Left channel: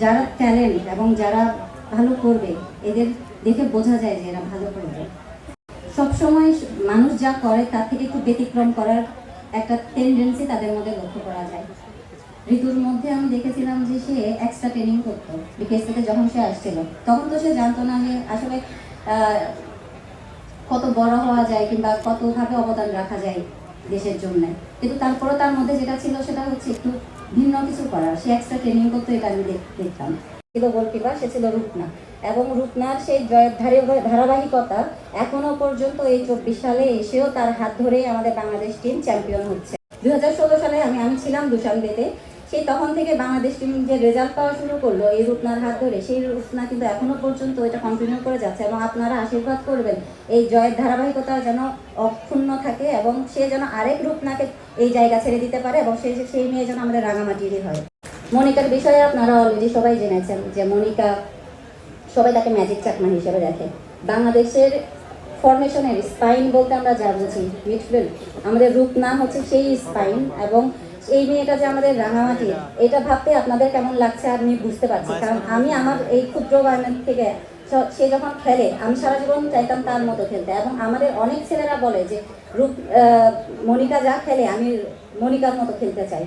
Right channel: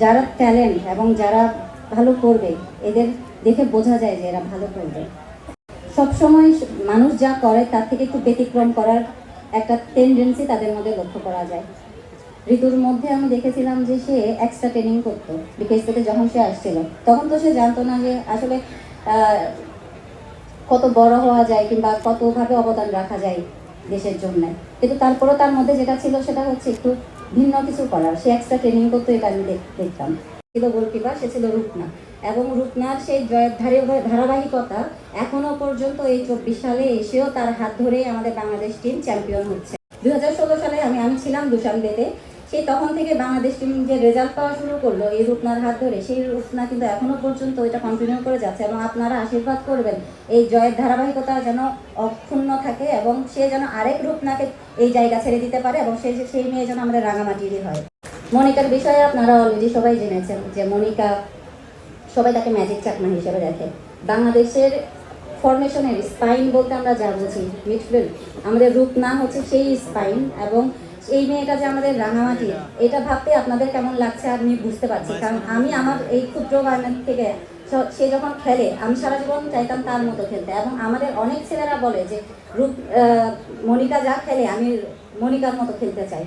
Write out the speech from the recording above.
যারা ট্যালেন্ট এবং যারা ভালো করবে, এদের দেখে বোঝা যায় যে এরা ভালো করবে। সবসময় মানুষ যা করে, তার থেকে একটু ব্যতিক্রম করার একটা টেন্ডেন্সি তাদের মধ্যে লক্ষ্য করা যায়। ঋতুর মধ্যে আমি দেখেছিলাম যে সে এক্সট্রা ট্রেনিং করতো বিকেশ থেকে যখন সে আসছিল, তখন তো সে জানতো না যে আসলে কত বড় হওয়া যায় কিংবা কতভাবে অবদান রাখা যায় দেশের জন্য। কিন্তু তারপরেও তার মধ্যে যেটা ছিল সেটা হচ্ছে একটু ভিন্ন কিছু করার। সে এক্সট্রা ট্রেনিং করতো, এটা আমি দেখতাম। ছিল গোলকিপার, সে ছিল রূপনা এবং রূপনার সেই জয়ের ধারে- ধারাবাহিকতা এখনও পর্যন্ত এই চব্বিশ সালে এসেও তার হাত ধরেই আমাদের বাংলাদেশ টিম চ্যাম্পিয়ন হচ্ছে। দুই হাজার ষোলো সালে আমি আমি ছিলাম দুশানবেতে সেই তখন থেকে বাংলাদেশ টিম যে রেজাল্ট পাওয়া শুরু করল, এই রূপনার হাত ধরে, সেই রূপনা কিন্তু এখনও পর্যন্ত এটা কন্টিনিউ করে যাচ্ছে এবং আপনারা আশীর্বাদ করবেন। এই জয়ের ধারাবাহিকতা যেন অক্ষুণ্ণ থাকে এবং সে যেন আরেক রূপনাকে এই জায়গা ছেড়ে দিতে পারে এবং সেই সেই মেয়ে যেন আমাদের রাঙামাটিরই হয়। মনিকার বিষয়ে আপনারা অলরেডি সবাই জেনেছেন যে মনিকা সবাই তাকে ম্যাজিক চাকমা হিসেবে দেখে। বাংলাদেশের ফরমেশনের স্পাইন বলতে আমরা যা বুঝি মিডফিল্ড আমাদের রূপ না হচ্ছে সেই স্পাইন এবং এই মেয়েটা যে আমাদের রাঙামাটি এটা ভাবতে আপনাদের কেমন লাগছে আমি বুঝতে পারছি। কারণ আমি আমার এই ক্ষুদ্র বাগান থেকে স- যখন খেলে আমি সারা জীবন চাইতাম তার মতো খেলতে। এবং আমাদের অনেক ছেলেরা বলে যে রূপ আহ, মনিকা যা খেলে আমি মনিকার মতো খেলতে চাই।